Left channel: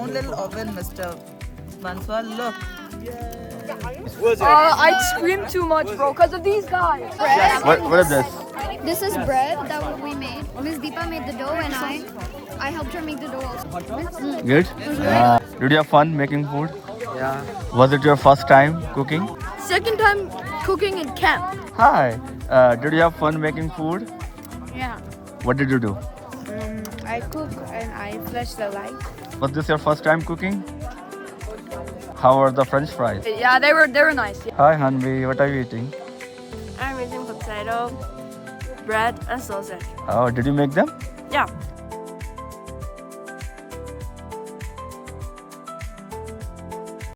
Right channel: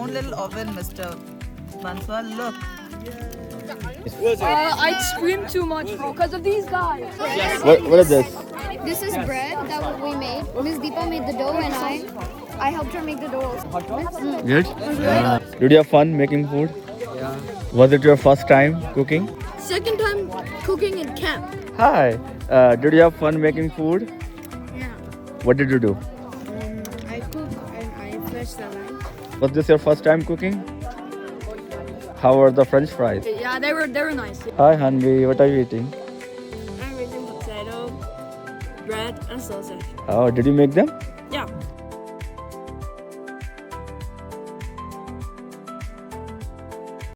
own little oven, Mr. Banswal. Look. I scream too much, bro, because of these guys. What is this? This is bread that we made. Miss Deepa made the dough and I helped her make the dough also. Good? Did you have fun making food? Yeah. Was it your first time cooking? Second time cooking in camp. Hi. Did you have fun making food? Yeah. What did you do? I cook and I flash the light. Was this your first time cooking? How were the French fries? Yeah, they were nice. Hi Hanvi, what are you eating? I'm eating potato, bread, and sausage. Oh, did you make them? Yeah.